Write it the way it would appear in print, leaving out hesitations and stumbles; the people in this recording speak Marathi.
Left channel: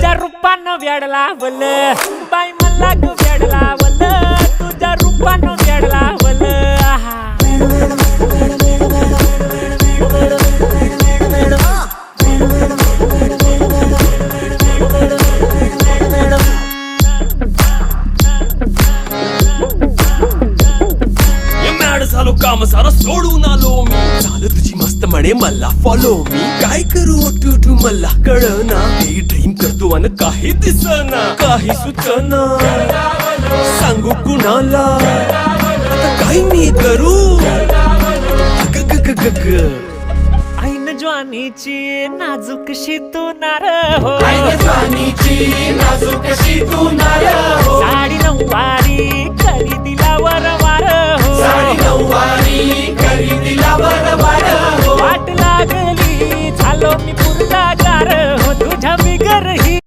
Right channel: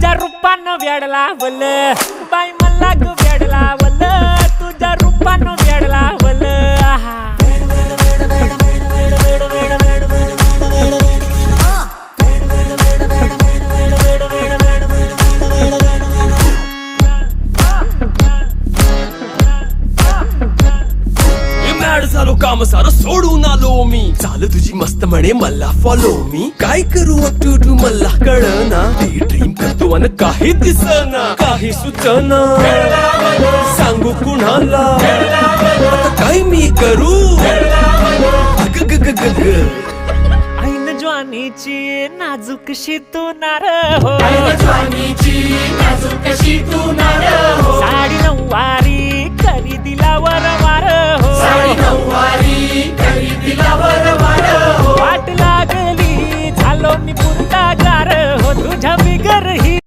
तुझ्या रूपानं वेड लावल बाई मला ग वेड लावल तुझ्या रूपानं वेड लावल आहा झालो काम सारं सोडून आलो मी चाल तुझी मस्त म्हणे मला फॉलो मी काय करू टू मला कळना ती ड्रीम करतो अन काही दिसना काही सुचना सांगू कुणाला आता काय मी करू अग ग ग ग ग ऐन ज्वानीची नाजूकशी तू नार हो साडी नऊवारी करी दिला वरवार हो वाट लागली झालो मी पुरता गार हो तुझ्या बिगर ही